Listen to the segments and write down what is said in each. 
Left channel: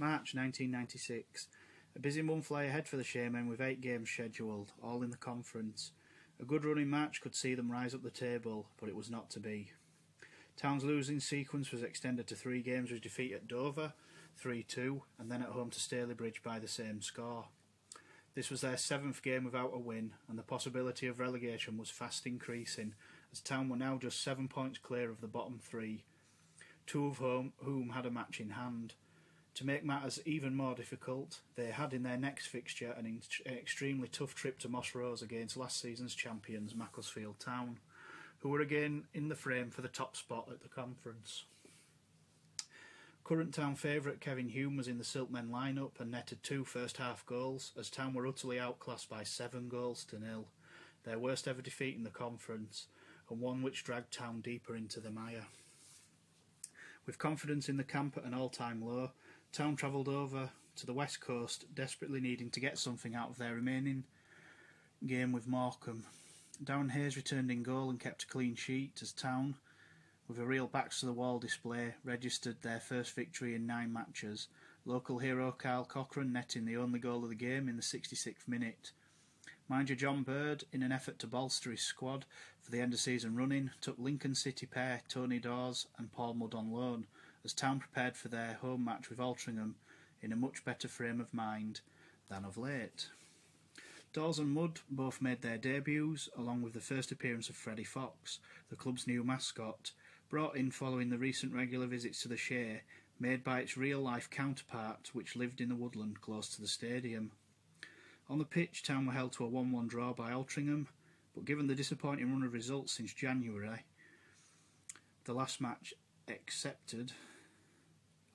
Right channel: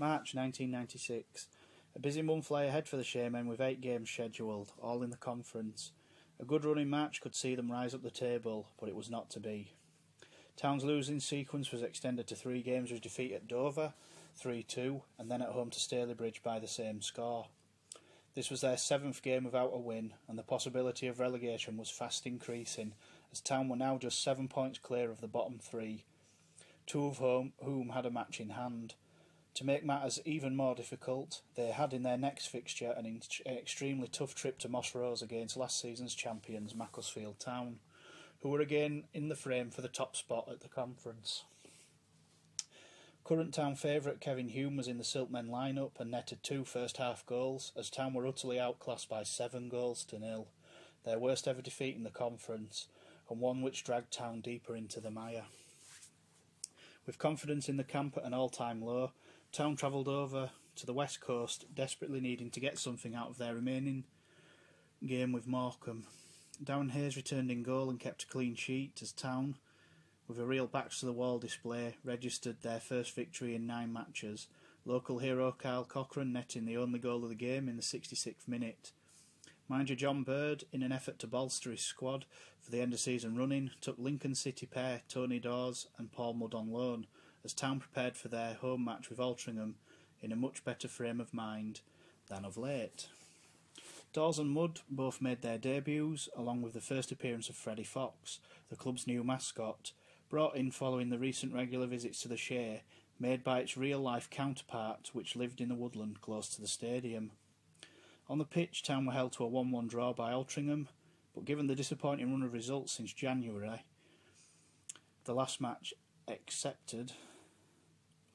March 1996. A busy month lay ahead for the Shaymen with 8 games scheduled, all in the conference. A good run in March could see them rise up the table, but it was not to be. Town's losing sequence was extended to 3 games with defeat at Dover, 3-2, and then at home to Stalybridge by the same score. This was their 7th game without a win, and the possibility of relegation was fast increasing, as Town were now just 7 points clear of the bottom 3, 2 of whom had a match in hand. To make matters even more difficult, they had in their next fixture an extremely tough trip to Moss Rose against last season's champions Macclesfield Town, who were again in the frame for the top spot at the conference. Current Town favourite Kevin Hume was in the Silkmen line-up and netted 2 first-half goals, as Town were utterly outclassed by 7-0, their worst ever defeat in the conference, and one which dragged Town deeper into the mire. With confidence in the camp at an all-time low, Town travelled over to the west coast, desperately needing to get something out of their remaining game with Morecambe. Darren Hayes returned in goal and kept a clean sheet as Town, with a real backs-to-the-wall display, registered their first victory in 9 matches, local hero Kyle Cochrane netting the only goal of the game in the 66th minute. Manager John Bird, in an effort to bolster his squad for the end-of-season run-in, took Lincoln City pair Tony Dawes and Paul Mudd on loan, as Town prepared for their home match with Altrincham in a much better frame of mind than of late. Dawes and Mudd both made their debuts, along with the first appearance of Freddie Fox, the club's new mascot, brought in following the recent regular visits to the Shay, made by its real-life counterpart, which lived in the woodland close to the stadium. On the pitch, Town were held to a 1-1 draw by Altrincham, but given the disappointing run of results since January, the last match excepted,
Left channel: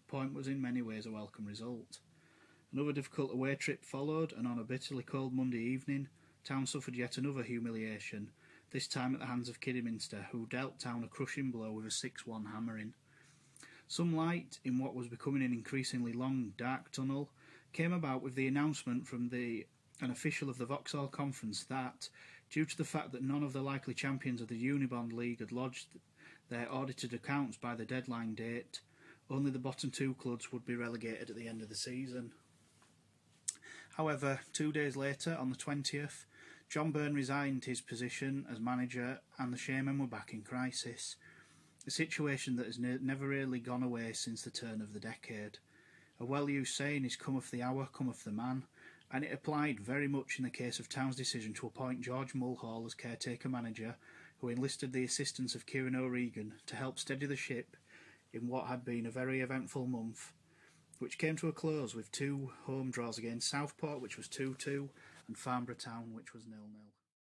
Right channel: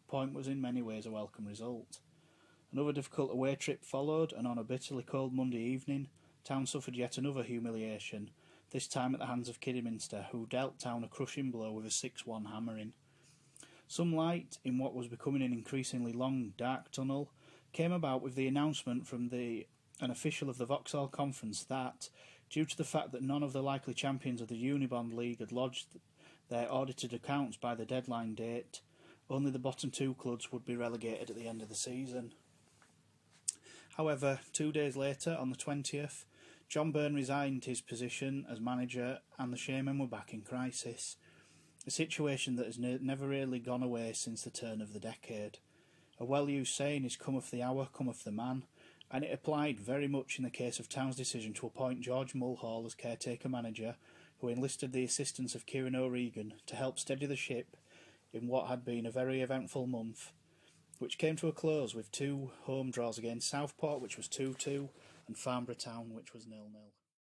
a point was in many ways a welcome result. Another difficult away trip followed, and on a bitterly cold Monday evening, Town suffered yet another humiliation, this time at the hands of Kidderminster, who dealt Town a crushing blow with a 6-1 hammering. Some light in what was becoming an increasingly long, dark tunnel came about with the announcement from an official of the Vauxhall Conference that, due to the fact that none of the likely champions of the Unibond League had lodged their audited accounts by the deadline date, only the bottom 2 clubs would be relegated at the end of the season. However, 2 days later, on the 20th, John Byrne resigned his position as manager and the Shaymen were back in crisis, a situation that has never really gone away since the turn of the decade. A well-used saying is cometh the hour, cometh the man, and it applied very much in the case of Town's decision to appoint George Mulhall as caretaker manager, who enlisted the assistance of Kieran O'Regan to help steady the ship in what had been a very eventful month, which came to a close with 2 home draws against Southport, which was 2-2, and Farnborough Town, which was 0-0.